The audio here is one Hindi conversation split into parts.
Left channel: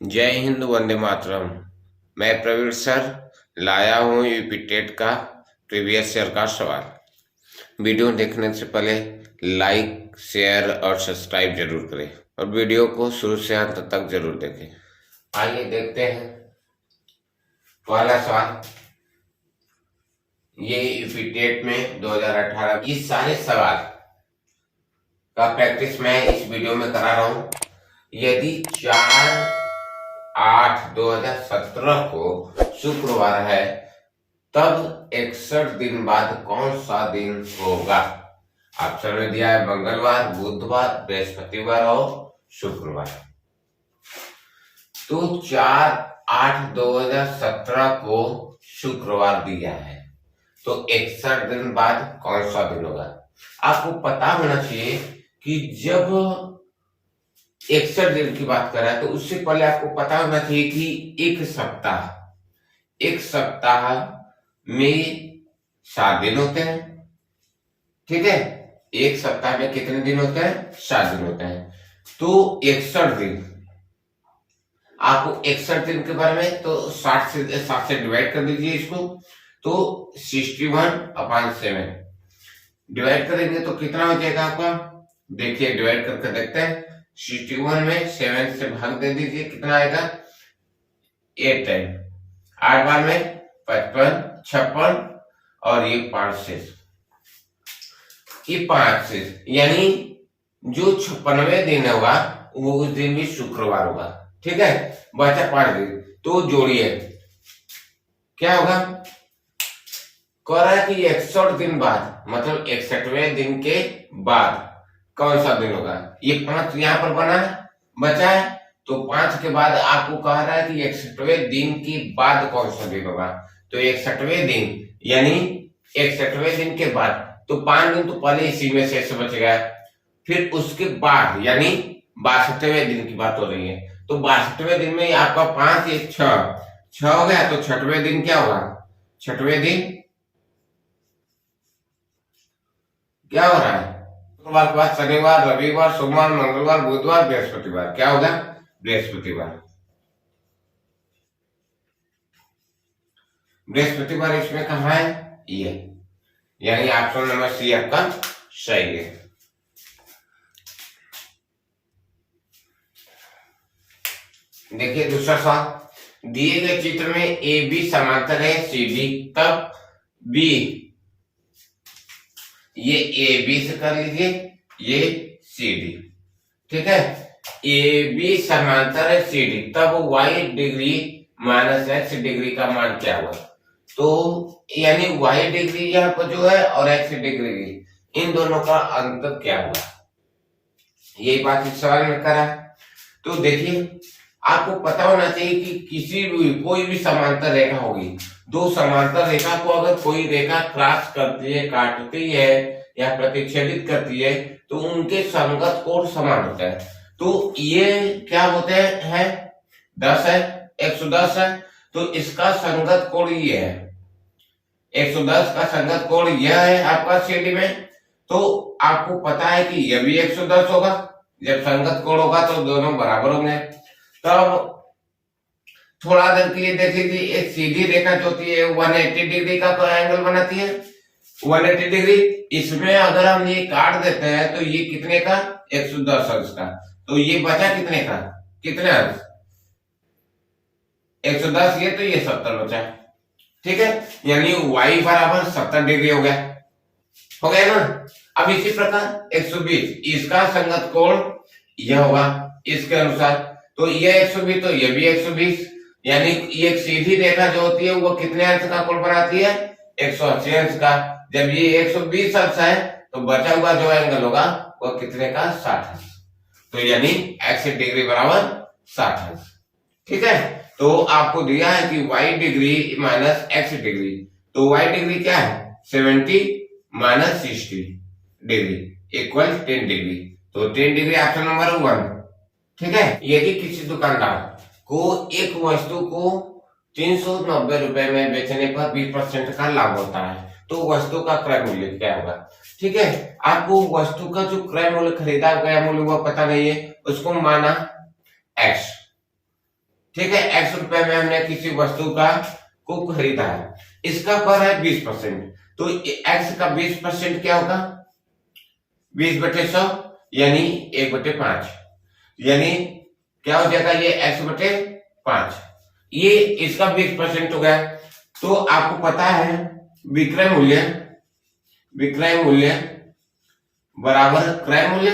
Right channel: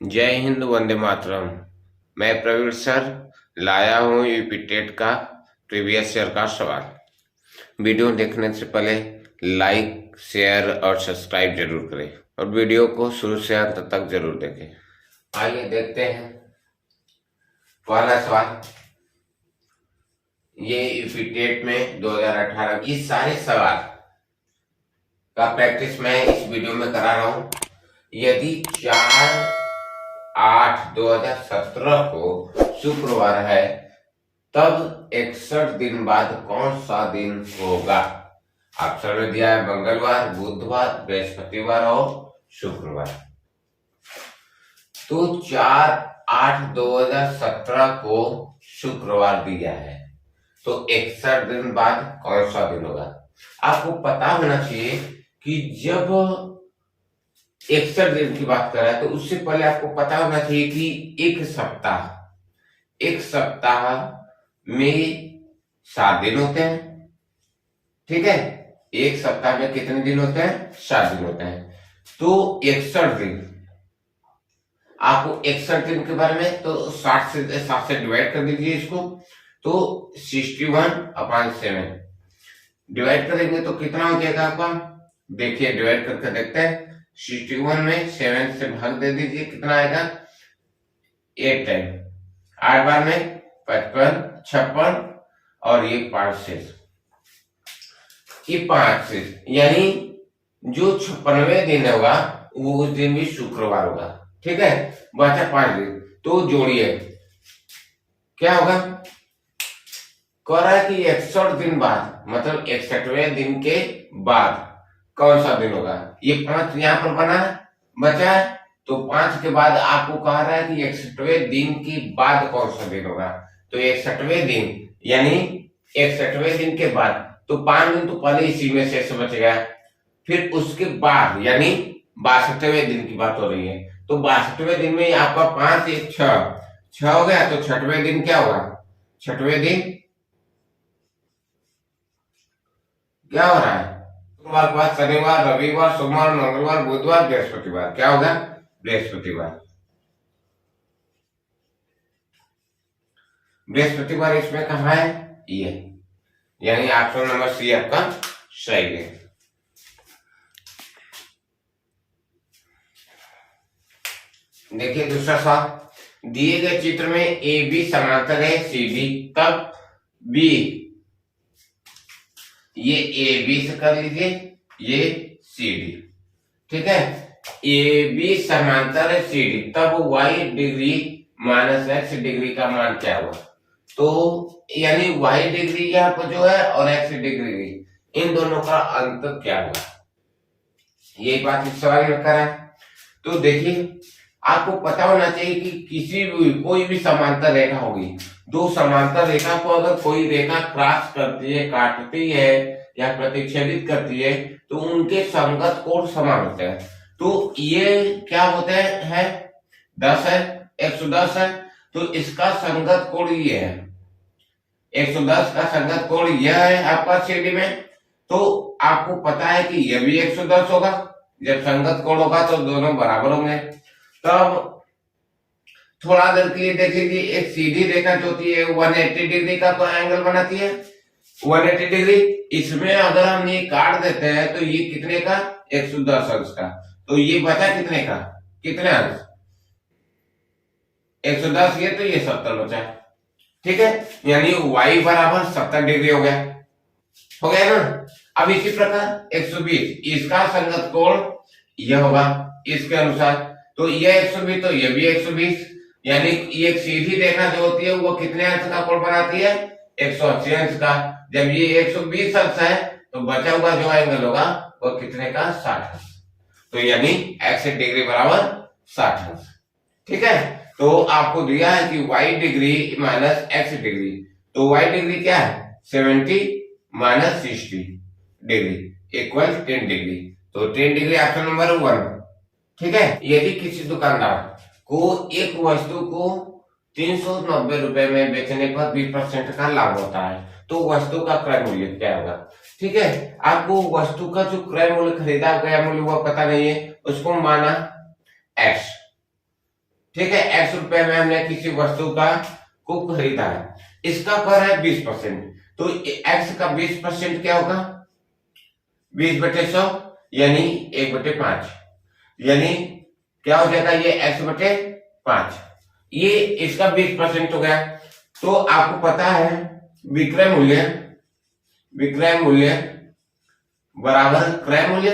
जय हिंद, वंदे मातरम। मैं प्रवीण सर लाया हूँ यूपी टेट का प्रीवियस ईयर का सवाल। वीडियो देखने से पहले लाइक, शेयर और सब्सक्राइब जरूर करें और वीडियो को शुरू से अंत तक जरूर देखें। आइए देखते हैं पहला सवाल। ये यूपी टेट में 2018 की सारे सवाल का प्रैक्टिस मैं इस वीडियो में करा रहा हूँ। यदि 4/8/2017 को शुक्रवार है, तब 61 दिन बाद कौन सा दिन होगा? ऑप्शन में दिया है मंगलवार, बुधवार, बृहस्पतिवार और शुक्रवार। तो 4/8/2017 को शुक्रवार दिया है, तो 61 दिन बाद कौन सा दिन होगा? आपको पता होना चाहिए कि जब 61 दिन की बात कर रहा है तो उससे पहले आपको पता होना चाहिए कि एक सप्ताह में 7 दिन होते हैं। ठीक है, एक सप्ताह में कितने दिन होते हैं? 7 दिन होते हैं। तो 61 दिन, आपको 61 दिन के बारे में तो 7 से डिवाइड कर दीजिए इसको। तो 61/7 डिवाइड करेंगे तो कितना हो जाएगा आपका? देखिए, डिवाइड करके देखते हैं। 61 में 7 से भाग दे दीजिए, कितना आएगा? 8 टाइम 8 बार में 55, 56 और ये 5 शेष, ये 5 शेष, यानी जो 56वें दिन होगा वो उस दिन भी शुक्रवार होगा। ठीक है, बचा 5 दिन, तो जोड़िए क्या होगा? कह रहा है कि 61 दिन बाद, मतलब 61वें दिन के बाद कौन सा दिन होगा? ये 5 यहाँ पर बना है, बचा है, तो 5 के बाद आपको कह रहा है कि 61वें दिन के बाद कौन सा दिन होगा। तो 61वें दिन यानी 61वें दिन के बाद, तो 5 दिन तो पहले इसी में शेष बचेगा। फिर उसके बाद यानी 62वें दिन की बात हो रही है, तो 62वें दिन में आपका 5 1 6 हो गया, तो 6वें दिन क्या होगा? 6वें दिन क्या हो रहा है? शुक्रवार के बाद शनिवार, रविवार, सोमवार, मंगलवार, बुधवार, बृहस्पतिवार, क्या होगा? बृहस्पतिवार। बृहस्पतिवार इसमें कहा है? ये, यानी ऑप्शन नंबर सी आपका सही है। देखिए दूसरा सवाल। दिए गए चित्र में ए बी समांतर है सी डी, तब बी, ये ए बी से कर लीजिए, ये सी डी। ठीक है, ए बी समांतर है सी डी, तब Y degree minus X degree का मान क्या हुआ? तो यानी वाई डिग्री यहाँ पर जो है और एक्स डिग्री, इन दोनों का अंतर क्या हुआ? यही बात इस सवाल में करा है। तो देखिए, आपको पता होना चाहिए कि किसी भी कोई भी समांतर रेखा होगी, दो समांतर रेखा को अगर कोई रेखा क्रॉस करती है, काटती है या प्रतिच्छेदित करती है, तो उनके संगत कोण समान होते हैं। तो ये क्या होते हैं? 10 है, 110 है, तो इसका संगत कोण ये है, 110 का संगत कोण यह है आपका सीडी में। तो आपको पता है कि यह भी 110 होगा। जब संगत कोण होगा तो दोनों बराबर होंगे। तब थोड़ा देर के लिए देख लीजिए, एक सीधी रेखा जो होती है 180 डिग्री का तो एंगल बनाती है, 180 डिग्री। इसमें अगर हम ये काट देते हैं तो ये कितने का? 110 अंश का। तो ये बचा कितने का? कितने अंश? 110, ये तो ये 70 बचा। ठीक है, यानी y बराबर 70 डिग्री हो गया ना। अब इसी प्रकार 120, इसका संगत कोण यह होगा इसके अनुसार, तो ये 120 तो ये भी 120, यानी ये सीधी रेखा जो होती है वो कितने अंश का कोण बनाती है? 180 अंश का। जब ये 120 अंश है तो बचा हुआ जो एंगल होगा वो कितने का? 60 अंश। तो यानी x डिग्री बराबर 60 अंश। ठीक है, तो आपको दिया है कि y degree minus x degree, तो y डिग्री क्या है? 70 माइनस 60 डिग्री इक्वल 10 डिग्री, तो 10 डिग्री ऑप्शन नंबर 1। ठीक है, यदि किसी दुकानदार को एक वस्तु को 390 रुपए में बेचने पर 20% का लाभ होता है, तो वस्तु का क्रय मूल्य क्या होगा? ठीक है, आपको वस्तु का जो क्रय मूल्य, खरीदा गया मूल्य, वो पता नहीं है, उसको माना x। ठीक है, x रुपए में हमने किसी वस्तु का को खरीदा है, इसका पर है 20%, तो x का 20% क्या होगा 20/100 यानी 1/5, यानी क्या हो जाएगा ये x/5, ये इसका 20% हो गया। तो आपको पता है विक्रय मूल्य बराबर क्रय मूल्य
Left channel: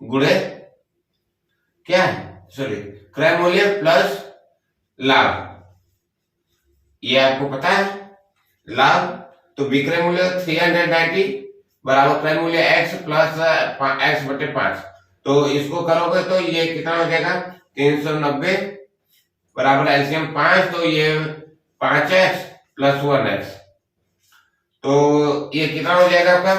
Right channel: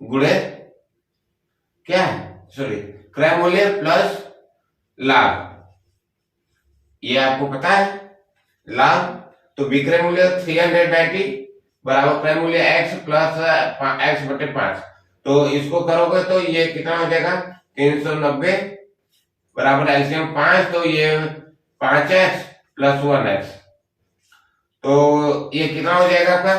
गुणे क्या है सॉरी क्रय मूल्य प्लस लाभ, ये आपको पता है लाभ। तो विक्रय मूल्य 390 बराबर क्रय मूल्य x प्लस x/5, तो इसको करोगे तो ये कितना हो जाएगा 390 बराबर एलसीएम 5, तो ये 5x प्लस 1x, तो ये कितना हो जाएगा आपका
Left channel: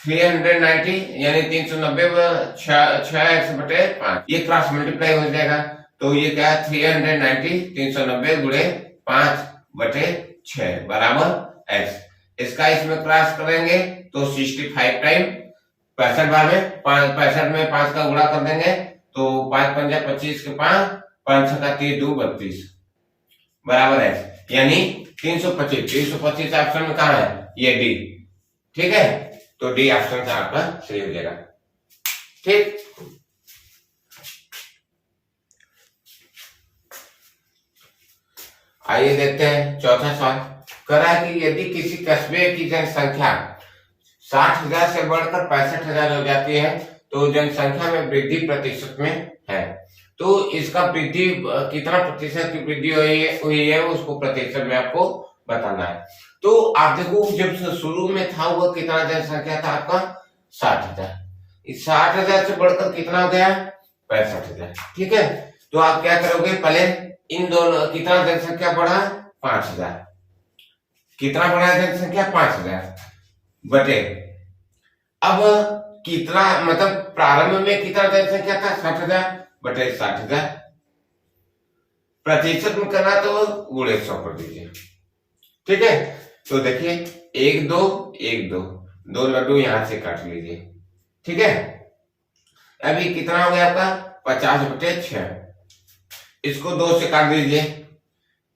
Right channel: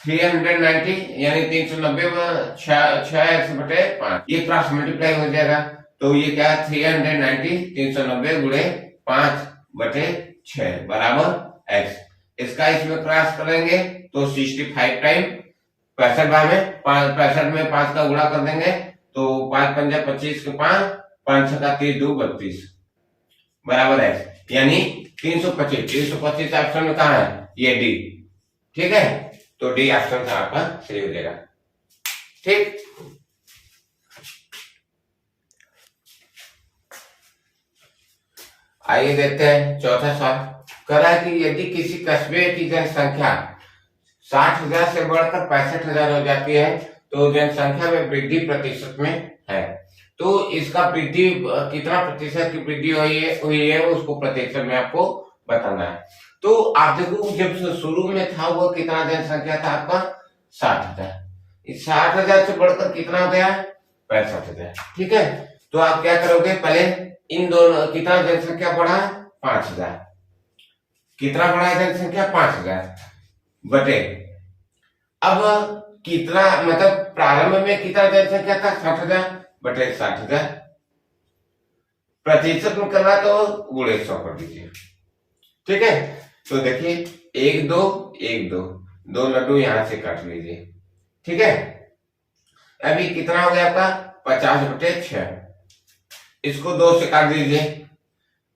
390 यानी 390 में 6x/5, ये क्रॉस मल्टीप्लाई हो जाएगा, तो ये क्या है 390 गुणे 5/6 बराबर x, इसका इसमें क्रॉस करेंगे तो 65 टाइम 65 बार में 65 में 5 का गुणा कर देंगे तो 5 पंजा 25 के 5 5 छक्का 30 2 32 बराबर x, यानी 325 ऑप्शन में कहा है ये डी, ठीक है, तो डी ऑप्शन आपका सही हो जाएगा। ठीक, आइए देखते हैं चौथा सवाल। कह रहा है कि यदि किसी कस्बे की जनसंख्या 60,000 से बढ़कर 65,000 हो जाती है तो जनसंख्या में वृद्धि प्रतिशत में है, तो इसका वृद्धि कितना प्रतिशत की वृद्धि हुई है उसको प्रतिशत में आपको बताना है। तो आप देखो जब शुरू में था वो कितना जनसंख्या था आपका 60,000, इस 60,000 से बढ़कर कितना हो गया 65,000, ठीक है। तो आप क्या करोगे पहले इन दोनों कितना जनसंख्या बढ़ा 5,000, कितना बढ़ा जनसंख्या 5,000 बटे अब कितना मतलब प्रारंभ में कितना जनसंख्या था 60,000 बटे 60,000, प्रतिशत में करना तो गुणे 100 कर दीजिए, ठीक है। तो देखिए 1 2 1 2 2 लड्डू यहां से काट लीजिए, ठीक है। अभी कितना हो गया आपका 50/6, इसको 2 से काट दीजिए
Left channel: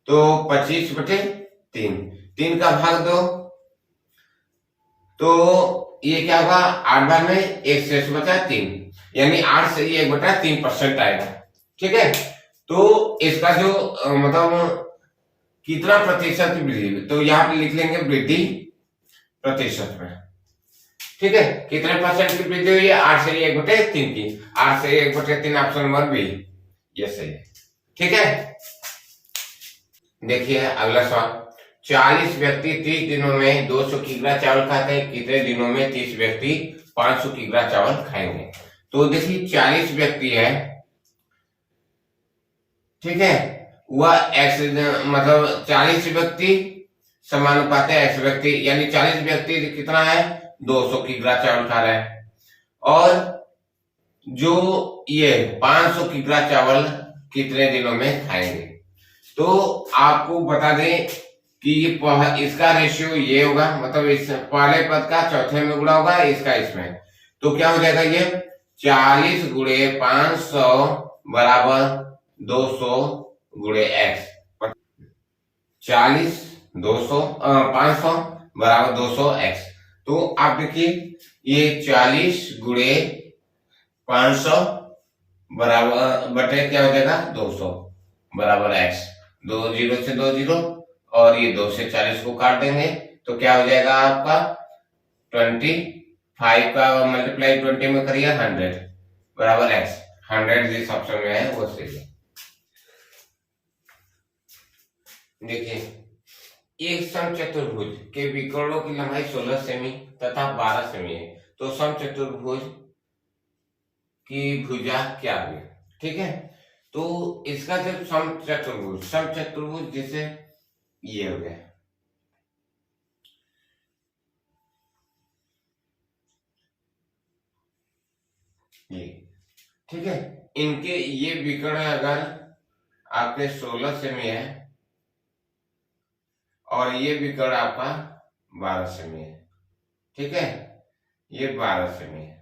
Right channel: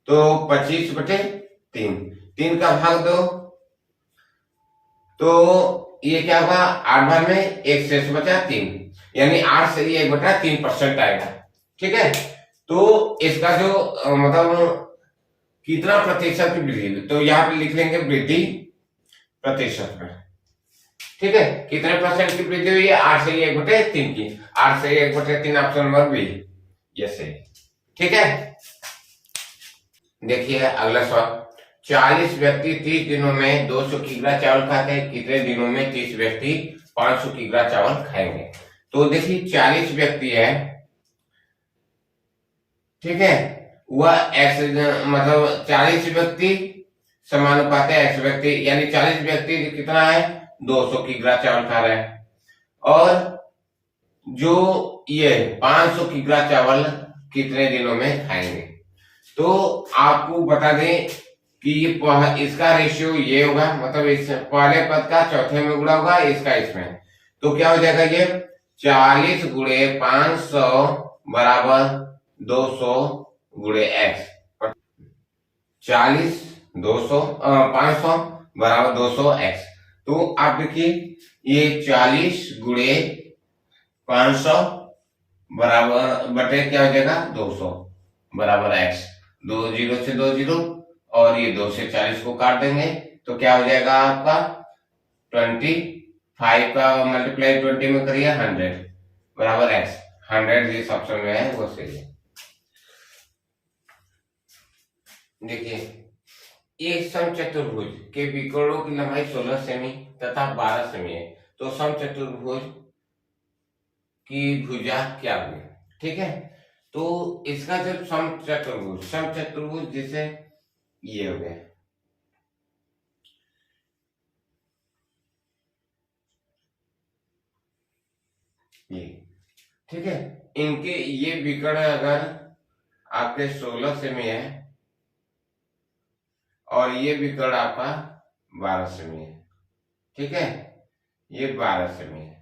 तो 25/3, 3 का भाग 2, तो ये क्या होगा 8 बार में 1 शेष बचा 3, यानी 8 से ये 1/3% आएगा, ठीक है। तो इसका जो मतलब कितना प्रतिशत की वृद्धि, तो यहाँ पे लिख लेंगे वृद्धि प्रतिशत में, ठीक है। कितने परसेंट की वृद्धि हुई है 8 से 1/3 की, 8 से 1/3 ऑप्शन नंबर बी ये सही, ठीक है। देखिए अगला सवाल, 40 व्यक्ति 30 दिनों में 200 किग्रा चावल खाते हैं, कितने दिनों में 30 व्यक्ति 500 किग्रा चावल खाएंगे। तो देखिए 40 व्यक्ति है, ठीक है, वह एक्स मतलब 40 व्यक्ति समानुपात है एक्स व्यक्ति, यानी 40 व्यक्ति कितना है 200 किग्रा चावल खा रहे हैं, और जो ये 500 किग्रा चावल कितने दिनों में खाएंगे। तो आपको बता दें कि ये इसका रेशियो ये होगा, मतलब इस पहले पद का चौथे में गुणा होगा इसका इसमें, तो क्या हो जाएगा ये 40 गुणे 500 बराबर 200 गुणे x, 40 200 500 बराबर 200 x। तो आप देखिए ये 40 गुणे 500 बराबर बटे क्या हो जाएगा 200 बराबर x, 2 0 से 2 0 और ये 2 से 40 को काट देंगे तो क्या हो जाएगा आपका 25 का मल्टीप्लाई 20 में करिए 100 बराबर x, 100 जिस ऑप्शन में है वो सही है। देखिए एक समचतुर्भुज के विकर्णों की लंबाई 16 सेमी तथा 12 सेमी है, तो समचतुर्भुज की भुजा क्या हुई, ठीक है। तो इसका जो समचतुर्भुज जैसे ये हो गया, ये ठीक है, इनके ये विकर्ण अगर आपके 16 सेमी है और ये विकर्ण आपका 12 सेमी है, ठीक है, ये 12 सेमी है,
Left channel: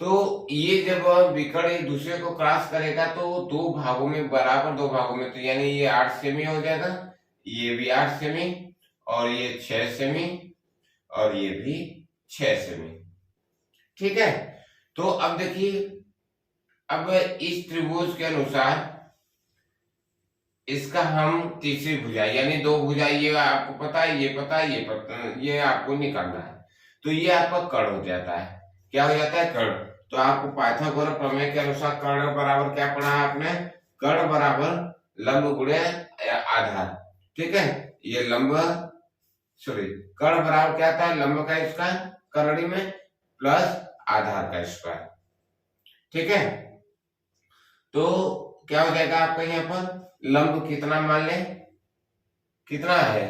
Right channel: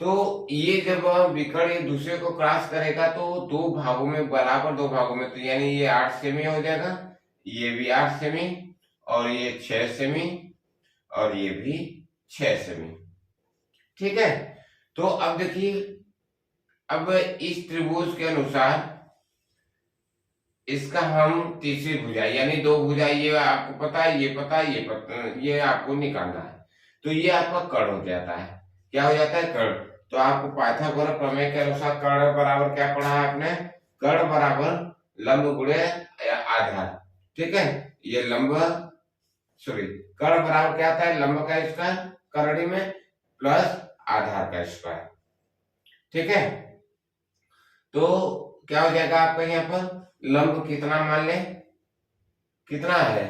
तो ये जब विकर्ण एक दूसरे को क्रॉस करेगा तो दो भागों में, बराबर दो भागों में, तो यानी ये 8 सेमी हो जाएगा, ये भी 8 सेमी, और ये 6 सेमी, और ये भी 6 सेमी। ठीक है, तो अब देखिए, अब इस त्रिभुज के अनुसार इसका हम तीसरी भुजा, यानी दो भुजा, ये आपको पता है, ये पता है, ये पता, ये आपको निकालना है, तो ये आपका कर्ण हो जाता है। क्या हो जाता है? कर्ण। तो आपको पाइथागोरस प्रमेय के अनुसार कर्ण बराबर क्या पढ़ा है आपने? कर्ण बराबर लंब गुणे आधार। ठीक है, ये लंब, सॉरी, कर्ण बराबर क्या आता है? लंब का स्क्वायर करणी में प्लस आधार का स्क्वायर। ठीक है, तो क्या हो जाएगा आपका यहाँ पर? लंब कितना मान ले, कितना है?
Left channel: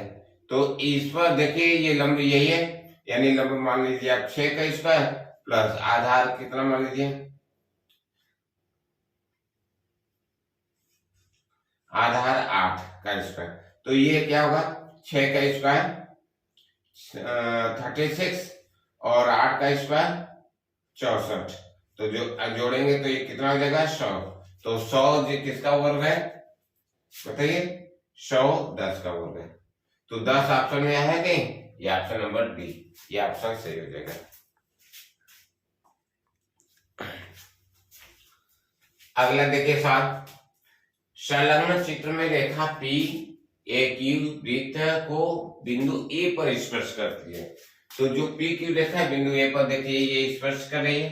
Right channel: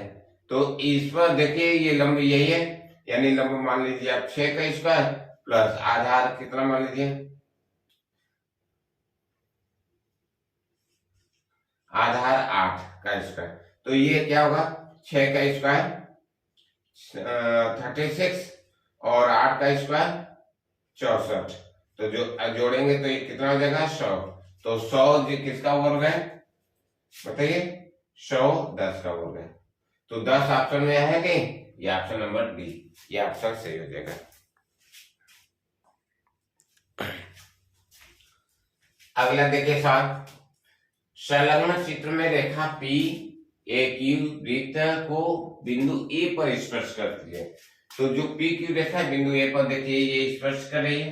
तो इस पर देखिए, ये लंब यही है, यानी लंब मान लीजिए आप 6 का स्क्वायर प्लस आधार कितना मान लीजिए, आधार 8 का स्क्वायर। तो ये क्या होगा? 6 का स्क्वायर 36 और 8 का स्क्वायर 64। तो जो जोड़ेंगे तो ये कितना हो जाएगा? 100। तो 100 जी किसका वर्ग है बताइए? 100 10 का वर्ग है। तो 10 ऑप्शन में है कहीं? ये ऑप्शन नंबर डी, ये ऑप्शन सही हो जाएगा। अगला देखिए साथ, संलग्न चित्र में रेखा पी एक वृत्त को बिंदु ए पर स्पर्श करती है। तो जो पी की रेखा है बिंदु ए पर देखिए ये स्पर्श कर रही है।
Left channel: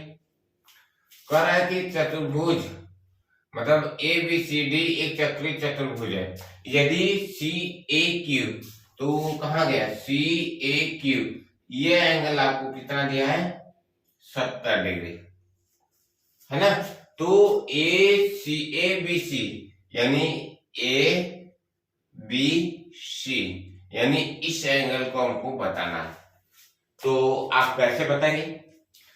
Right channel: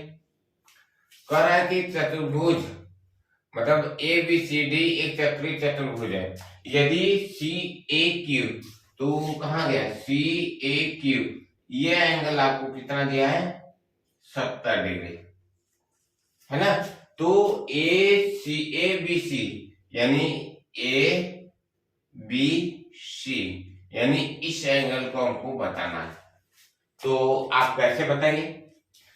कह रहा है कि चतुर्भुज, मतलब ए बी सी डी एक चक्रीय चतुर्भुज है। यदि सी ए क्यू, तो कहाँ गया? सी ए क्यू, ये एंगल आपको कितना दिया है? 70 डिग्री, है ना? तो ए बी सी, यानी ए बी सी, यानी इस एंगल को हमको बताना है। तो आप कैसे बताएंगे?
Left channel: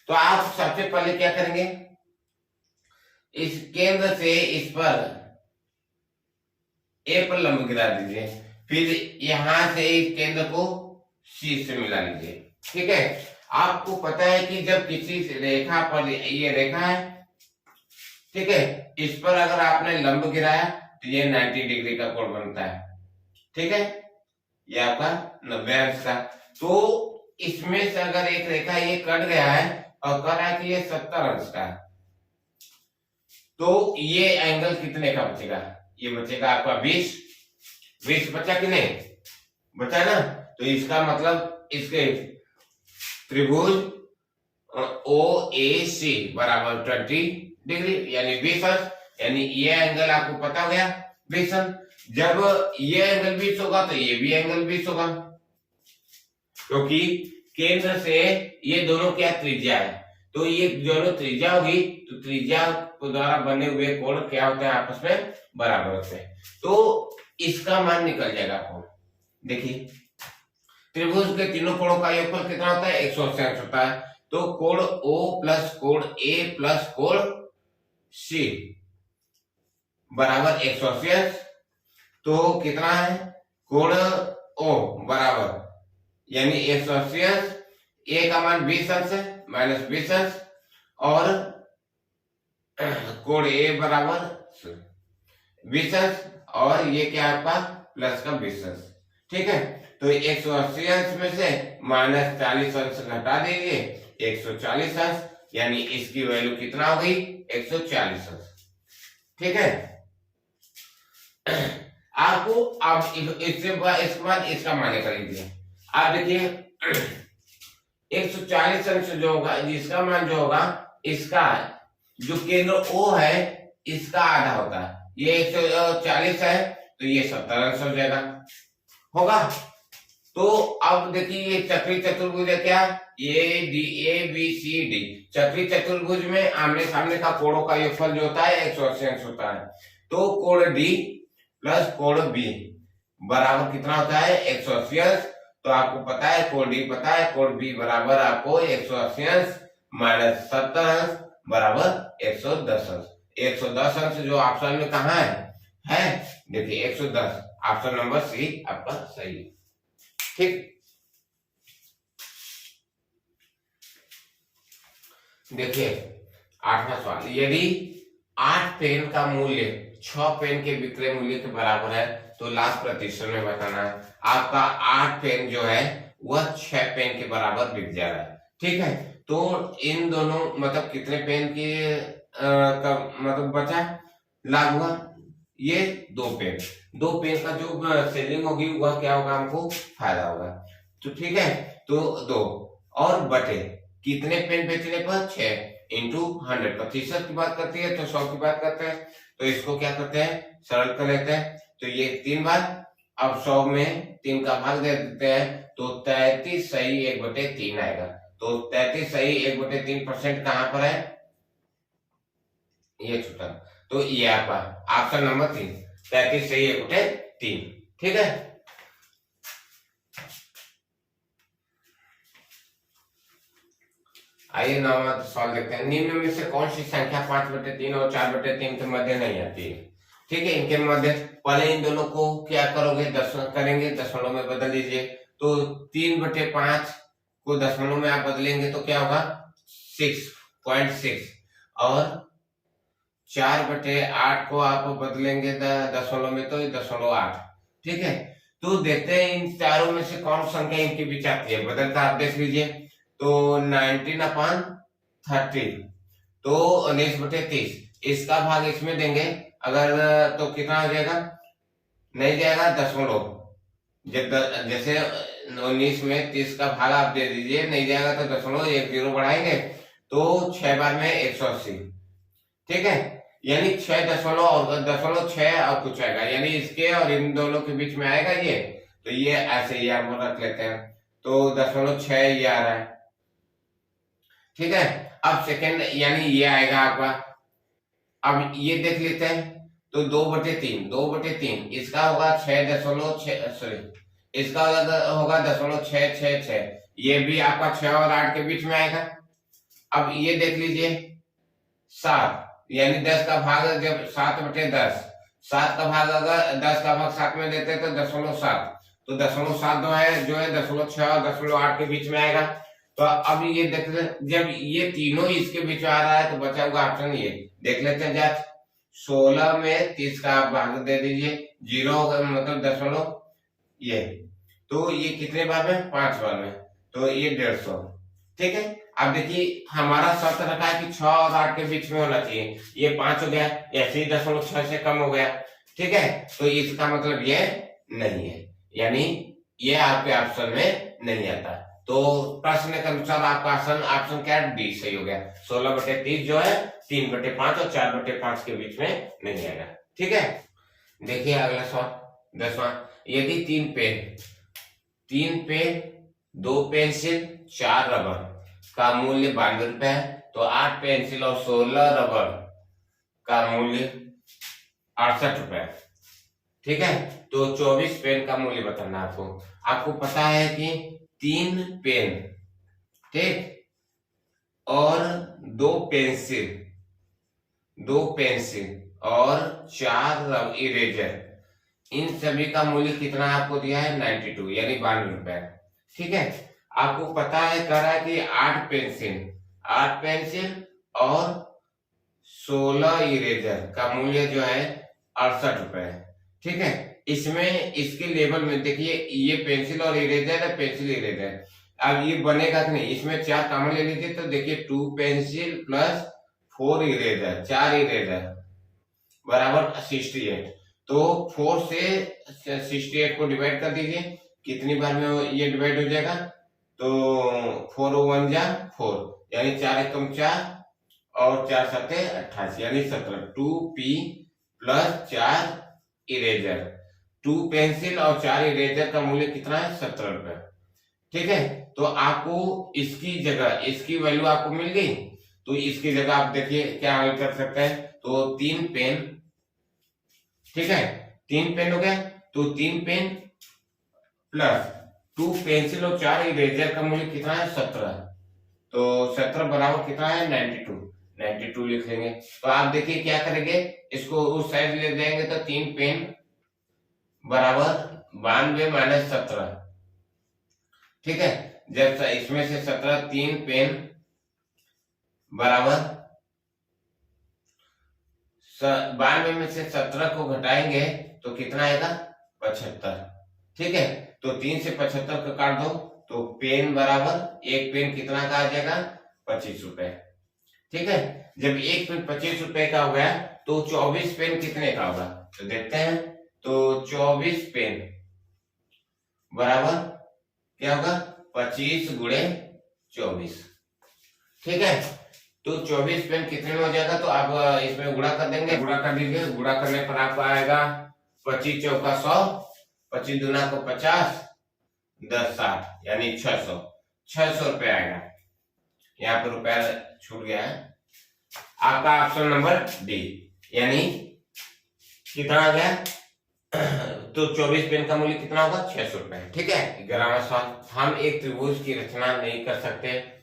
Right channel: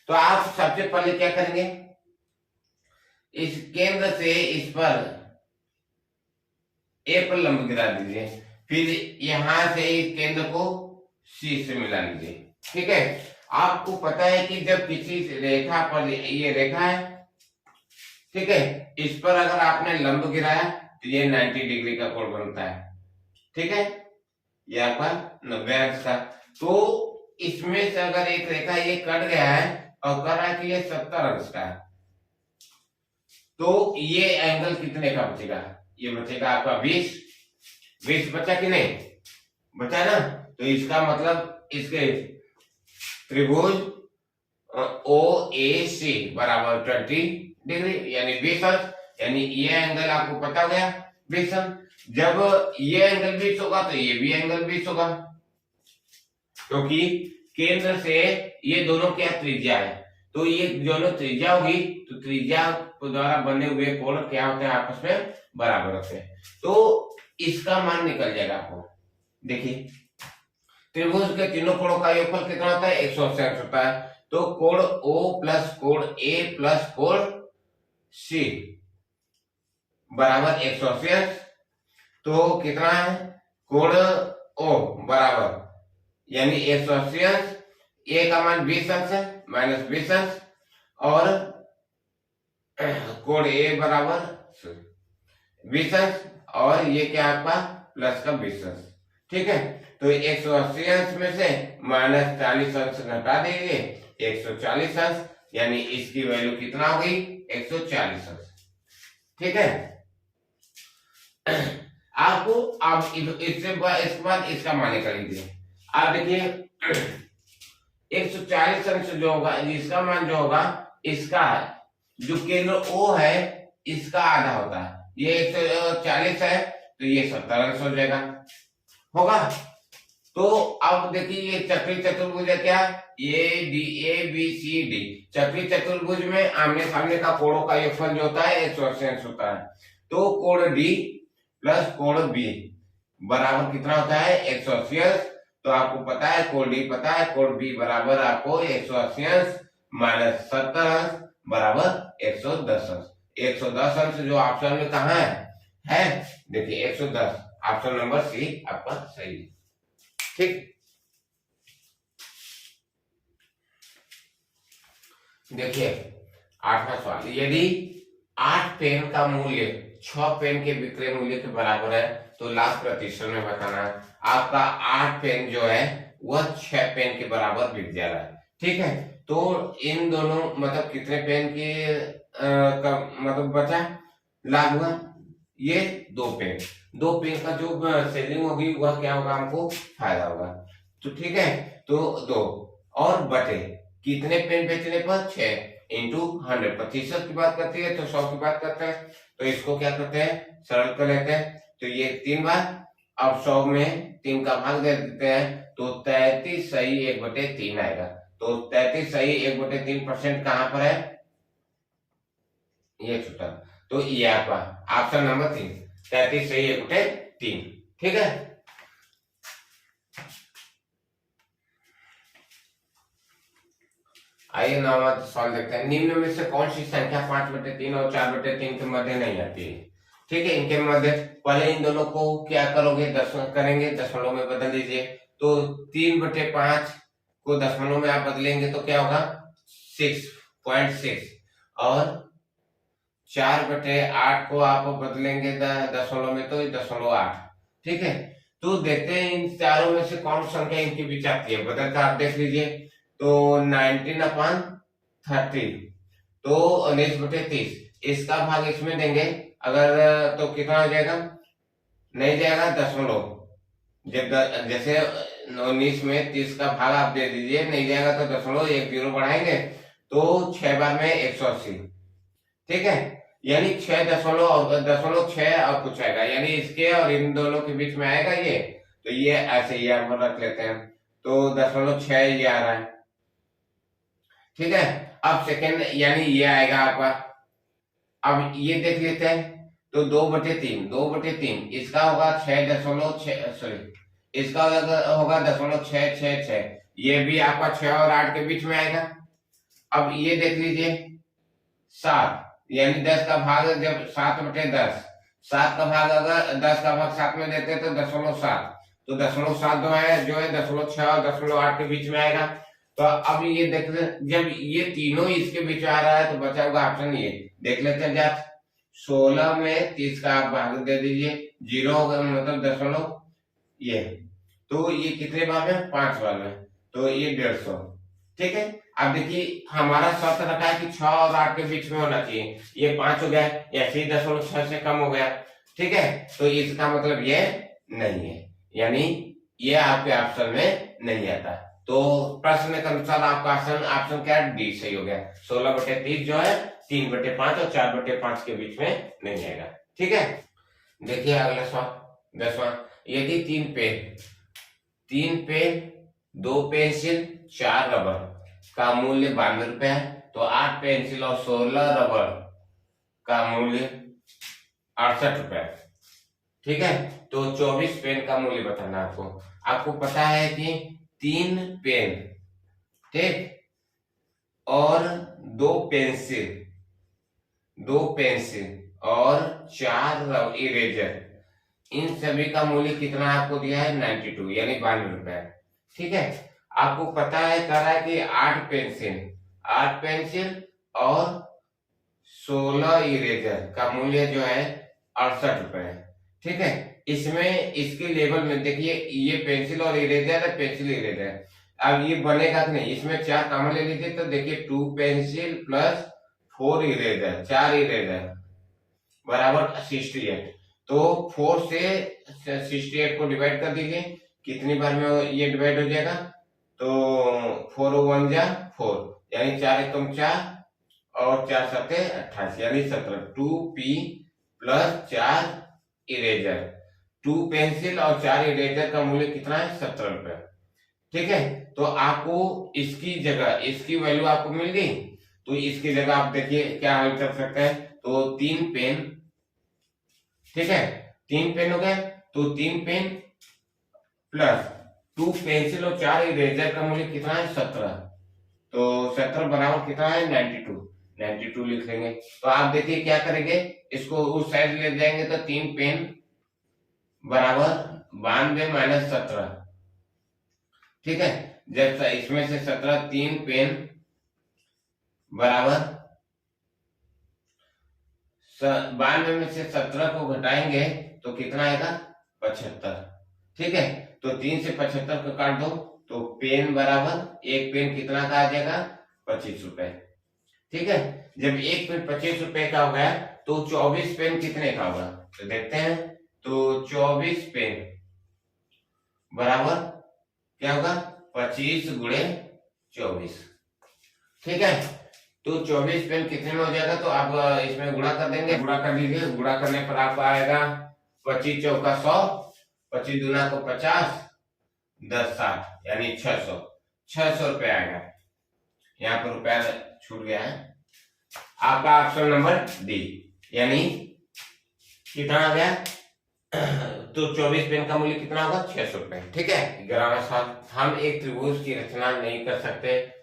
तो आप सबसे पहले क्या करेंगे? इस केंद्र से इस पर ए पर लंब गिरा दीजिए, फिर यहां से इस केंद्र को सी से मिला लीजिए। ठीक है, आपको पता है कि जब किसी रेखा पर, ये रेखा है, ठीक है, इस पर अगर आपने लंब गिराया तो ये 90 डिग्री का कोण बनता है। ठीक है, ये आपका 90 अंश का। तो इसमें से अगर एक रेखा ये कट गया है और कह रहा है कि ये 70 अंश का है, तो ये एंगल कितने का बचेगा? ये बचेगा आपका 20 बचा कि नहीं? बचा ना? तो इसका मतलब इसके त्रिभुज ओ ए सी बराबर 20 डिग्री, यानी 20 अंश, यानी ये एंगल आपको पता हो गया 20 अंश। जब ये एंगल 20 होगा तो ये भी एंगल 20 होगा, क्योंकि केंद्र से ये दोनों क्या त्रिज्या है, तो ये दोनों त्रिज्या होगी, तो त्रिज्या द्वारा बने हुए कोण क्या होते हैं? आपस में बराबर होते हैं। तो इसका मान निकल जाएगा आपको। देखिए, त्रिभुज के तीनों कोणों का योगफल कितना होता है? 180 अंश होता है। तो कोण O प्लस कोण A प्लस कोण C बराबर 180 अंश। तो कितना है? कोण O बराबर, यानी 180 अंश, A का मान 20 अंश है, माइनस 20 अंश, और कोण A बराबर 20 अंश, और ये क्या है आपका? प्लस का 20 अंश। ठीक है, तो 180 अंश में से माइनस 40 अंश घटा देंगे, 140 अंश, यानी इसकी वैल्यू कितना हो गई? 140 अंश। ठीक है, आपको अब इसके बाद इसका मान निकाल लीजिए। आप देखिए 140 अंश जो होगा, जिसका मान जो होगा, इसका जो केंद्र O है इसका आधा होता है। ये 140 है तो ये 70 अंश हो जाएगा, होगा। तो अब देखिए ये चक्रीय चतुर्भुज है, क्या? A B C D. चक्रीय चतुर्भुज में आमने सामने का कोणों का योगफल जो होता है 180 अंश होता है। तो कोण D प्लस कोण B बराबर कितना होता है? 180 अंश। तो आपको पता है कोण D पता है, कोण B बराबर आपको 180 अंश माइनस 70 अंश बराबर 110 अंश। 110 अंश जो ऑप्शन में कहा है देखिए 110, ऑप्शन नंबर सी आपका सही। ठीक, देखिए 8वां सवाल, यदि 8 पेन का मूल्य 6 पेन के विक्रय मूल्य के बराबर है तो लाभ प्रतिशत में बताना है। आपका 8 पेन जो है वह 6 पेन के बराबर बिक जा रहा है। ठीक है, तो इन दोनों मतलब कितने पेन की का मतलब बचा लाभ हुआ, ये 2 पेन। 2 पेन का जो सेलिंग होगी वह क्या होगा, हमको फायदा होगा। तो ठीक है, तो 2 और बटे कितने पेन बेचने पर 6 इंटू 100, प्रतिशत की बात करती है तो 100 की बात करते हैं, तो इसको क्या करते हैं, सरल कर लेते हैं। तो ये 3 बार, अब 100 में 3 का भाग दे देते हैं तो 33 सही 1/3 आएगा। तो 33 सही 1/3% कहां पर है, ये छूटा, तो ये आपका ऑप्शन नंबर 3, 33 सही 1/3। ठीक है, आइए 9वां सवाल देखते हैं। निम्न में से कौन सी संख्या 5/3 और 4/3 के मध्य नहीं आती है। ठीक है, इनके मध्य पहले इन दोनों को क्या करोगे, करेंगे दशमलव में बदल दीजिए। तो 3/5 को दशमलव में आप बदलेंगे तो क्या होगा 6.6, और 4/8 को आप बदलेंगे दशमलव में तो 0.8। ठीक है, तो देखते हैं इन चारों में से कौन संख्या इनके बीच आती है, बदलकर आप देख लीजिए। तो 19/30, तो 19/30, इसका भाग इसमें देंगे अगर तो कितना हो जाएगा, नहीं जाएगा दशमलव, जैसे 19 में 30 का भाग आप दे दीजिए, नहीं जाएगा तो दशमलव 1 0 बढ़ाएंगे तो 6 बार में 180। ठीक है, यानी 6 और दशमलव 6 और कुछ आएगा, यानी इसके और इन दोनों के बीच में आएगा ये, तो ये ऐसे ही हम रख लेते हैं, तो 0.6 ये आ रहा है। ठीक है, अब सेकेंड यानी ये आएगा आपका, अब ये देख लेते हैं, तो 2/3 इसका होगा 6.6, सॉरी इसका होगा 0.666, ये भी आपका 6 और 8 के बीच में आएगा। अब ये देख लीजिए 7, यानी 10 का भाग, जब 7/10, 7 का भाग अगर 10 का भाग 7 में देते तो 0.7, तो 0.7 जो है 0.6 और 0.8 के बीच में आएगा। तो अब ये देख ले, जब ये तीनों इसके बीच आ रहा है तो बचा होगा ऑप्शन ये, देख लेते हैं जांच। 16 में 30 का आप भाग दे दीजिए, 0 होगा मतलब दशमलव, ये तो ये कितने बार में, 5 बार में, तो ये 150। ठीक है, अब देखिए हमारा शर्त रखा है कि 6 और 8 के बीच में होना चाहिए, ये 5 हो गया, ऐसे ही 0.6 से कम हो गया। ठीक है, तो इसका मतलब ये नहीं है, यानी ये आपके ऑप्शन में नहीं आता। तो प्रश्न के अनुसार आपका ऑप्शन क्या है, डी सही हो गया। 16/30 जो है 3/5 और 4/5 के बीच में नहीं आएगा। ठीक है, देखिए अगला सवाल 10वां, यदि 3 पेन 2 पेंसिल 4 रबर का मूल्य 92 रुपए है, तो 8 पेंसिल और 16 रबर का मूल्य 68 रुपए। ठीक है, तो 24 पेन का मूल्य बताना है आपको। आपको पता है कि 3 पेन, ठीक, और 2 पेंसिल और 4 इरेजर, इन सभी का मूल्य कितना आपको दिया है 92, यानी 92 रुपए। ठीक है, आपको पता है कह रहा है कि 8 पेंसिल और 16 इरेजर का मूल्य जो है 68 रुपए। ठीक है, इसमें इसके लेवल में देखिए, ये पेंसिल और इरेजर है, पेंसिल इरेजर, अब ये बनेगा कि नहीं, इसमें 4 कॉमन ले लीजिए, तो देखिए 2 पेंसिल प्लस 4 इरेजर, 4 इरेजर बराबर 68। तो 4 से 68 को डिवाइड कर दीजिए, कितनी बार में ये डिवाइड हो जाएगा, तो 4 1 जा 4, यानी 4 एकम 4 और 4 7 28, यानी 17। 2p प्लस 4 इरेजर, 2 पेंसिल और 4 इरेजर का मूल्य कितना है 17 रुपए। ठीक है, तो आपको इसकी जगह इसकी वैल्यू आपको मिल गई, तो इसकी जगह आप देखिए क्या हल कर सकते हैं, तो 3 पेन, ठीक है 3 पेन हो गए, तो 3 पेन प्लस 2 पेंसिल और 4 इरेजर का मूल्य कितना है 17, तो 17 बराबर कितना है 92 लिख लेंगे। तो आप देखिए क्या करेंगे, इसको उस साइड ले जाएंगे तो 3 पेन बराबर 92 माइनस 17। ठीक है, जब इसमें से 17, 3 पेन बराबर 92 में से 17 को घटाएंगे तो कितना आएगा 75। ठीक है, तो 3 से 75 को काट दो तो पेन बराबर एक पेन कितना का आ जाएगा 25 रुपए। ठीक है, जब एक पेन 25 रुपए का हो गया तो 24 पेन कितने का होगा, तो देखते हैं। तो 24 पेन बराबर क्या होगा 25 गुणे 24। ठीक है, तो 24 पेन कितने में हो जाएगा, तो आप इसमें गुणा कर देंगे, गुणा कर दीजिए। गुणा करने पर आपको आएगा 25 चौका 100, 25 दूना को 50, 10 60 यानी 600 रुपए आएगा। यहाँ पर रुपया छूट गया है। आपका ऑप्शन नंबर डी, यानी कितना आ गया, तो 24 पेन का मूल्य कितना होगा 600 रुपए। ठीक है, 11वां सवाल, हम एक त्रिभुज की रचना नहीं कर सकते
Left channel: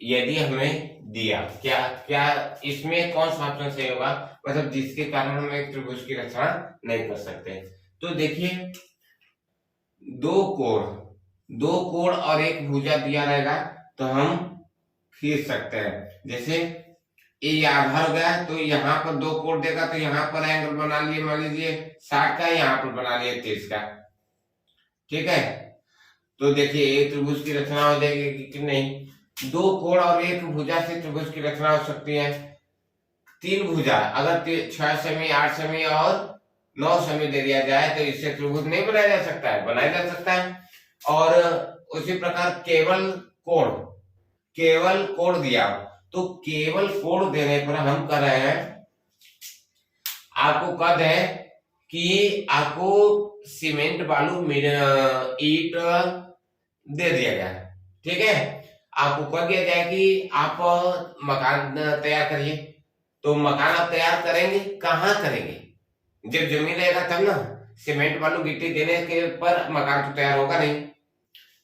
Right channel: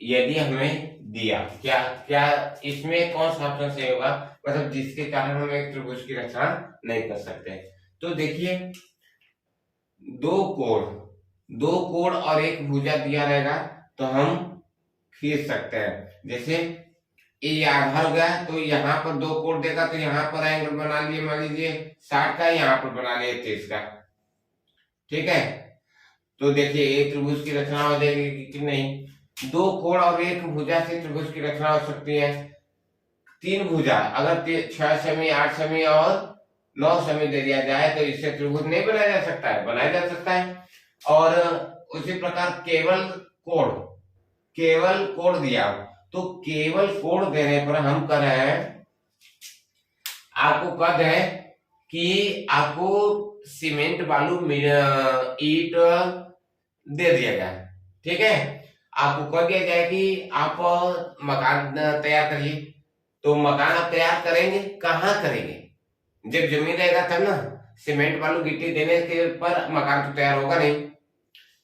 यदि हमें दिया, क्या क्या इसमें कौन सा ऑप्शन सही होगा, मतलब जिसके कारण हम एक त्रिभुज की रचना नहीं कर सकते। तो देखिए, दो कोण और एक भुजा दिया रहेगा तो हम खींच सकते हैं। जैसे ये आधार हो गया तो यहाँ पर दो कोण देगा तो यहाँ पर एंगल बना लिए, मान लीजिए 60 का, यहाँ पर बना लिए 30 का। ठीक है, तो देखिए एक त्रिभुज की रचना हो जाएगी कि नहीं। दो कोण और एक भुजा से त्रिभुज की रचना हो सकती है। तीन भुजा अगर 6 सेमी 8 सेमी और 9 सेमी दे दिया जाए तो इससे त्रिभुज नहीं बनाया जा सकता है, बनाया जा सकता है। और उसी प्रकार केवल कोण दिया, तो केवल कोण देने पर हम कर रहे हैं, आपको कद है कि आपको सीमेंट बालू ईट दे दिया गया है। ठीक है, आपको कह दिया जाए कि आप मकान तैयार करिए, तो मकान आप तैयार करेंगे कहाँ करेंगे, जब जमीन रहेगा तब ना। सीमेंट बालू गिट्टी देने के पर मकान तो तैयार होगा नहीं,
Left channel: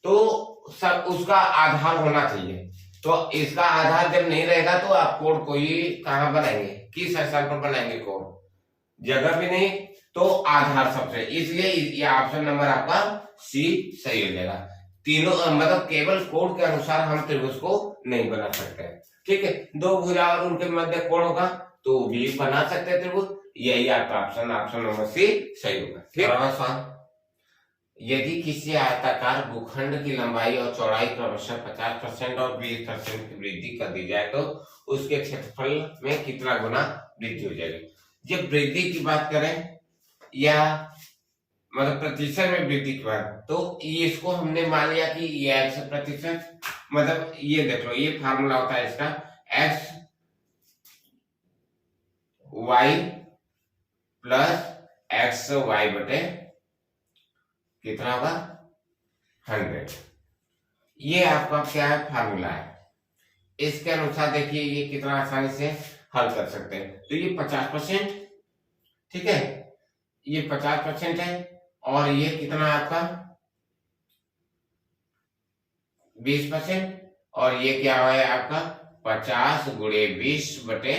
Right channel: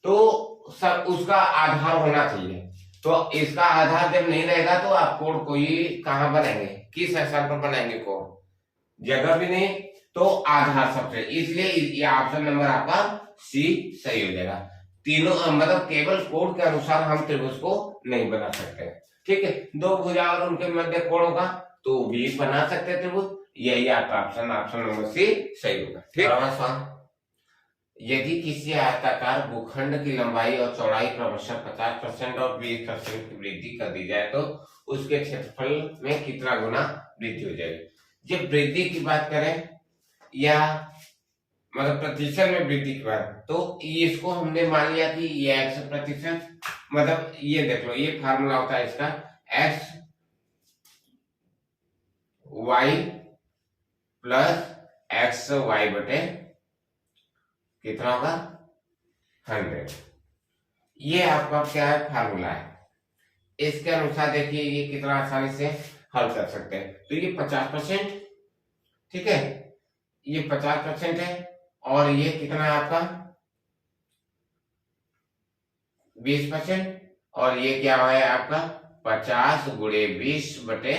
तो सब उसका आधार होना चाहिए। तो इसका आधार जब नहीं रहेगा तो आप कोण को ही कहाँ बनाएंगे, किस स्थान पर बनाएंगे कोण, जगह भी नहीं, तो आधार सबसे, इसलिए ये ऑप्शन नंबर आपका सी सही हो जाएगा। तीनों मतलब केवल कोण के अनुसार हम त्रिभुज को नहीं बना सकते। ठीक है, दो भुजा और उनके मध्य कोण होगा तो भी बना सकते हैं त्रिभुज, यही आपका ऑप्शन नंबर सी सही होगा। ठीक है, यदि किसी आयताकार भूखंड की लंबाई और चौड़ाई क्रमशः 50% और 20% की वृद्धि कर दी जाए तो उसके क्षेत्रफल में कितना गुना वृद्धि हो जाएगी। जब वृद्धि की बात करें या मतलब प्रतिशत में वृद्धि की बात, तो ये इसको हमने मान लिया कि ये x%, मतलब ये देख लो, ये फार्मूला होता है इसका, x y plus X Y बटे कितना होगा 100। ये आपका क्या है फार्मूला है, इसके अनुसार देखिए ये कितना आसानी से हल कर सकते हैं। तो ये 50%, ठीक है, ये 50% है, और ये कितना आपका 20%, और ये क्या हुआ है आपका 50 गुणे 20 बटे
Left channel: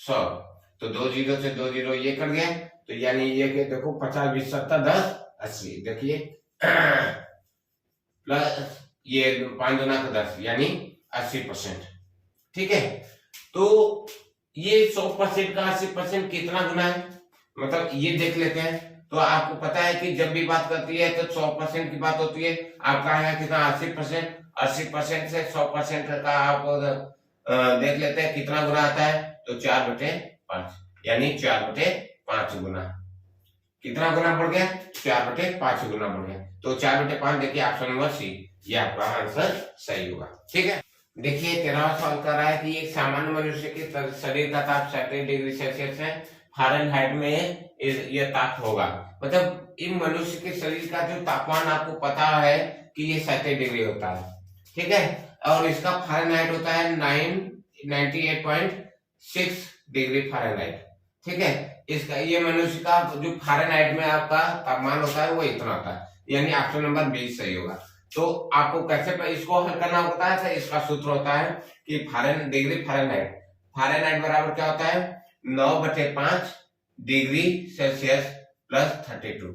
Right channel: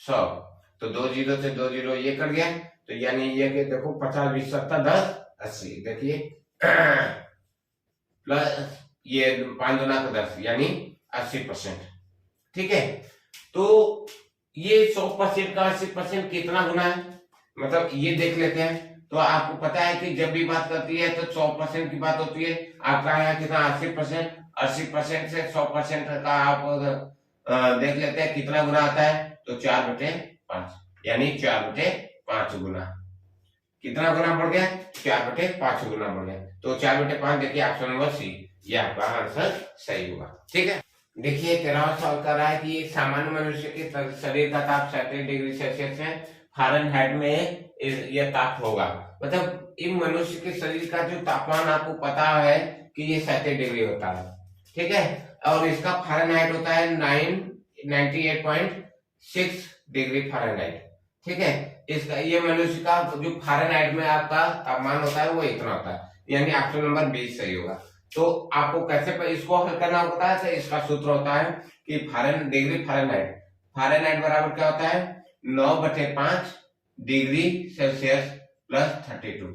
100। तो 2 जीरो से 2 जीरो ये कट गया, तो यानी ये कि देखो 50 20 70 10 80, देखिए प्लस ये 5 गुना का 10 यानी 80%। ठीक है, तो ये 100% का 80% कितना गुना है, मतलब ये देख लेते हैं। तो आपको पता है कि जब भी बात करती है तो 100% की बात होती है, आपका है कितना 80%, 80% से 100% का आप देख लेते हैं कितना गुना आता है, तो 4/5 यानी 4/5 गुना। कितना गुना बढ़ गया 4/5 गुना बढ़ गया, तो 4/5 देखिए ऑप्शन नंबर सी, ये आपका आंसर सही होगा। ठीक है, देखिए 13वां सवाल कर रहा है कि एक सामान्य मनुष्य के शरीर का ताप 37 डिग्री सेल्सियस है, फ़ारेनहाइट में यह ताप होगा, मतलब इन मनुष्य के शरीर का जो तापमान आपको पता है कि ये 37 डिग्री होता है। ठीक है, और इसका फ़ारेनहाइट होता है 98.6 डिग्री फ़ारेनहाइट। ठीक है, इसका ये मनुष्य का जो फ़ारेनहाइट में आपका तापमान होता है वो इतना होता है, यानी ऑप्शन नंबर 20 सही होगा। तो आपको कैसे इसको हल करना होता है, तो इसका सूत्र होता है कि डिग्री फ़ारेनहाइट बराबर क्या होता है 9/5 डिग्री सेल्सियस प्लस 32।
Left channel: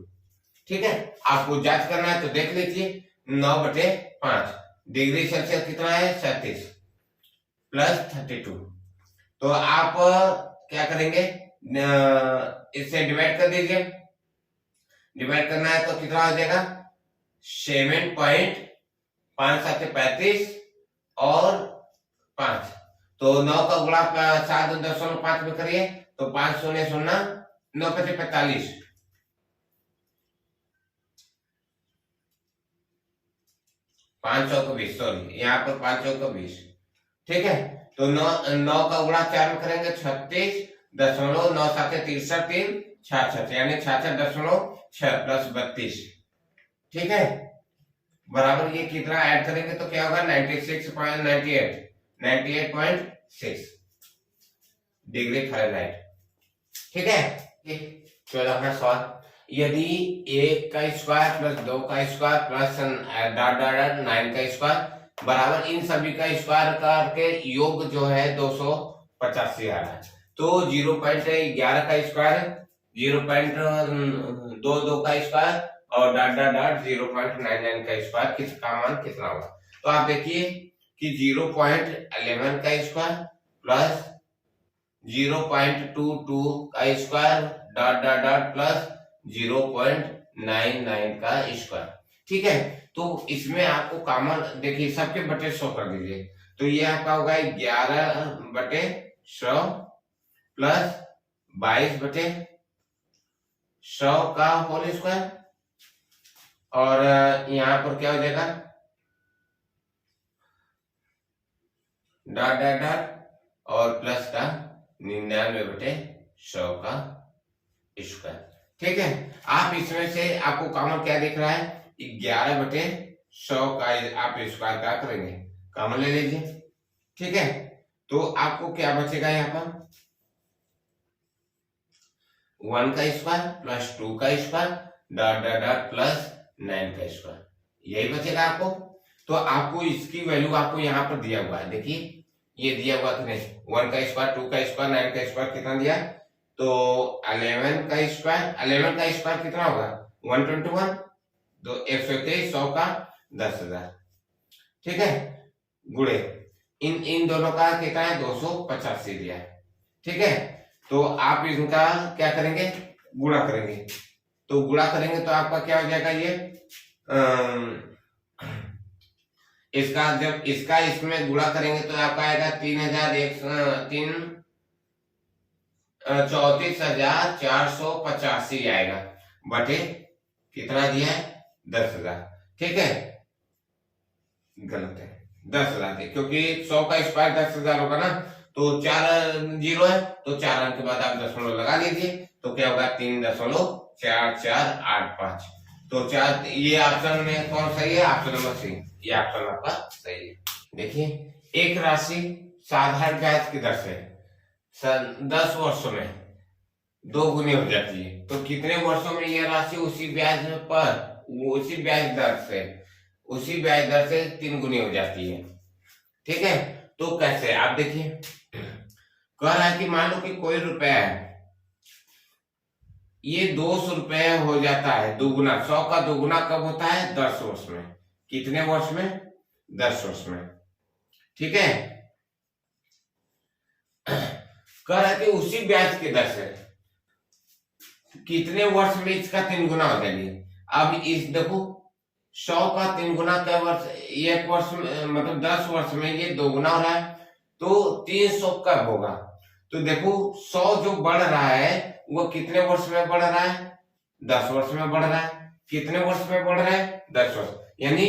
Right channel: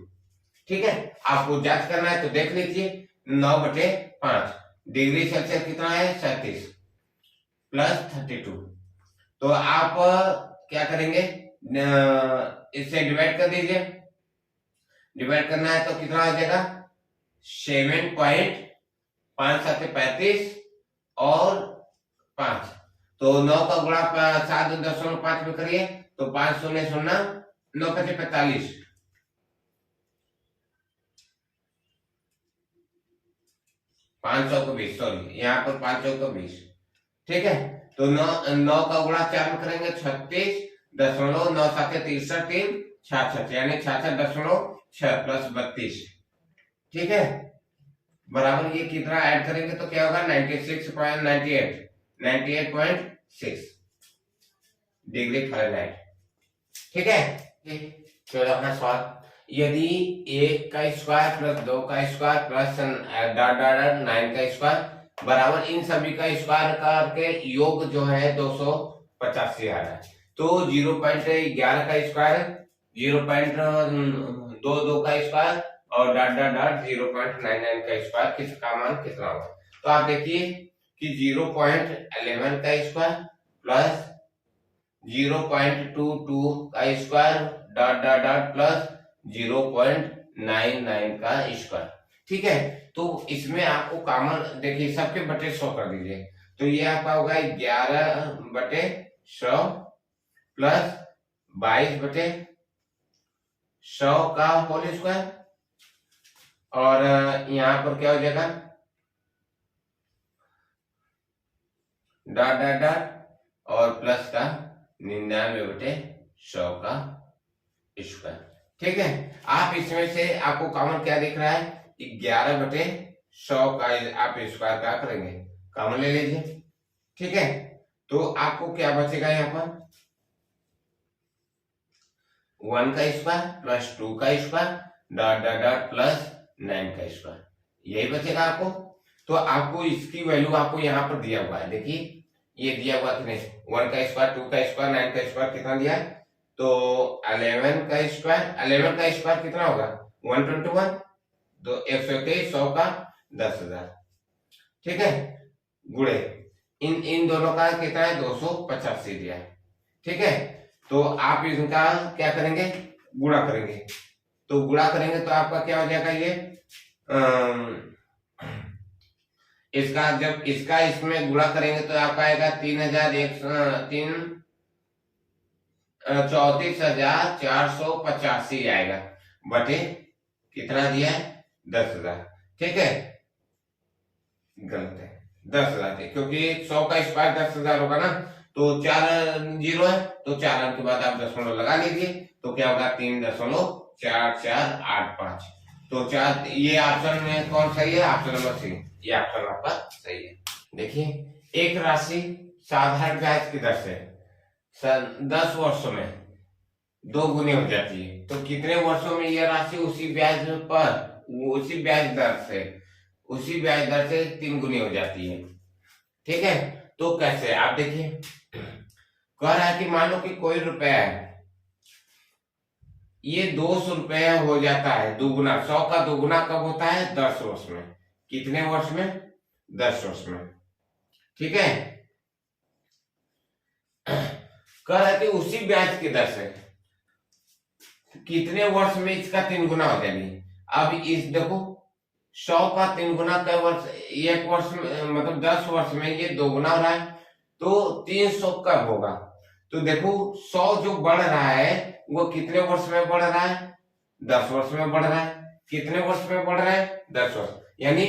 ठीक है, आपको जांच करना है तो देख लीजिए, 9/5 डिग्री सेल्सियस कितना है 37 प्लस 32। तो आप क्या करेंगे, इससे डिवाइड कर दीजिए। डिवाइड करना है तो कितना हो जाएगा 7.5 और 5, तो 9 का गुणा 7.5 में करिए तो 5 शून्य शून्य 9 5 45, 520, सॉरी यहाँ पर 520। ठीक है, तो 9 का गुणा 4 में करेंगे 36.9 66 यानी 66.6 प्लस 32। ठीक है, बराबर ये कितना ऐड करेंगे तो क्या होगा 98.6 डिग्री फ़ारेनहाइट। ठीक है, 14वां सवाल, यदि 1 का स्क्वायर प्लस 2 का स्क्वायर प्लस डॉट डॉट 9 का स्क्वायर बराबर इन सभी का स्क्वायर करके योग जो है 285 आ रहा है, तो 0.11 का स्क्वायर, 0.22 का स्क्वायर और डॉट डॉट डॉट 0.99 का स्क्वायर किसका मान कितना होगा। तो आप देखिए कि 0.11 का स्क्वायर प्लस 0.22 का square dot dot dot plus 0.99 का स्क्वायर। ठीक है, तो इसमें आपको कॉमन देखिए सबके बटे 100 कर दीजिए, तो ये आपका होगा 11/100 प्लस 22/100 का होल स्क्वायर, और यहाँ पर क्या हो जाएगा डॉट डॉट डॉट और प्लस का 99/100 का स्क्वायर। ठीक है, आप इसमें से आपको कॉमन क्या दिख रहा है 11/100 का आप स्क्वायर क्या करेंगे कॉमन ले लीजिए। ठीक है, तो आपको क्या बचेगा यहाँ पर 1 का स्क्वायर प्लस 2 का square dot dot dot plus 9 का स्क्वायर, यही बचेगा आपको। तो आपको इसकी वैल्यू आपको यहाँ पर दिया हुआ है, देखिए ये दिया हुआ कि नहीं 1 का स्क्वायर 2 का स्क्वायर 9 का स्क्वायर कितना दिया है, तो 11 का स्क्वायर कितना होगा 121, तो 123 100 का 10,000। ठीक है, गुणे इन दोनों का कितना है 285 दिया है। ठीक है, तो आप इनका क्या करेंगे गुणा करेंगे, तो गुणा करेंगे तो आपका क्या हो जाएगा ये इसका जब इसका इसमें गुणा करेंगे तो आपका आएगा 34,485 आएगा बटे कितना दिया है 10,000। ठीक है, गलत है 10,000 है, क्योंकि 100 का स्क्वायर 10,000 होगा ना, तो 4 जीरो है तो 4 अंक के बाद आप दशमलव लगा लीजिए, तो क्या होगा 3.4485। तो 4 ये ऑप्शन में कौन सही है, ऑप्शन नंबर सी, ये ऑप्शन आपका सही है। देखिए एक राशि साधारण ब्याज की दर से 10 वर्षों में 2 गुनी हो जाती है, तो कितने वर्षों में ये राशि उसी ब्याज पर उसी ब्याज दर से 3 गुनी हो जाती है। ठीक है, तो कैसे आप देखिए कह रहा है कि मान लो कि कोई रुपया है, ये 200 रुपये हो जाता है दुगुना, 100 का दुगुना कब होता है 10 वर्ष में, कितने वर्ष में 10 वर्ष में। ठीक है, कह रहा है कि उसी ब्याज की दर से कितने वर्ष में इसका 3 गुना हो जाएगी। अब इस देखो 100 का 3 गुना क्या वर्ष, एक वर्ष में मतलब 10 वर्ष में ये 2 गुना हो रहा है, तो 300 कब होगा, तो देखो 100 जो बढ़ रहा है वो कितने वर्ष में बढ़ रहा है 10 वर्ष में बढ़ रहा है, कितने वर्ष में बढ़ रहा है 10 वर्ष, यानी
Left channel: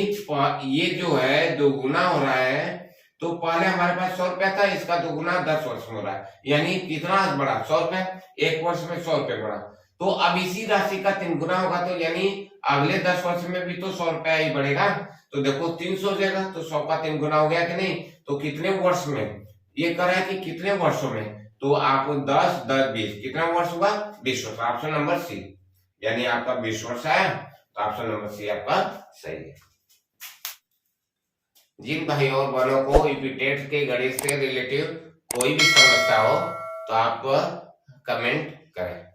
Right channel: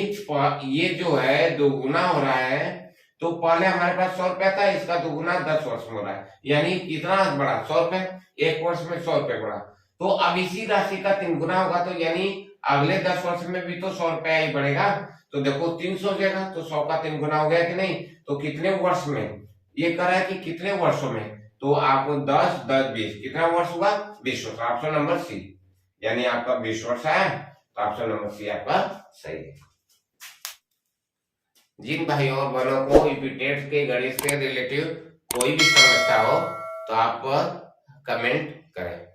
ये जो है 2 गुना हो रहा है, तो पहले हमारे पास 100 रुपया था, इसका 2 गुना 10 वर्ष में हो रहा है, यानी कितना बढ़ा 100 रुपए, एक वर्ष में 100 रुपए बढ़ा, तो अब इसी राशि का 3 गुना होगा, तो यानी अगले 10 वर्ष में भी तो 100 रुपया ही बढ़ेगा, तो देखो 300 हो जाएगा, तो 100 का 3 गुना हो गया कि नहीं, तो कितने वर्ष में ये कर रहा है कि कितने वर्षों में, तो आपको 10 10 20 कितना वर्ष हुआ 20 वर्ष, ऑप्शन नंबर सी, यानी आपका 20 वर्ष आया, तो ऑप्शन नंबर सी आपका सही है। जिन भाइयों और बहनों को इपिटेट के गणित से रिलेटिव कोई भी समस्या हो तो आप कमेंट करें।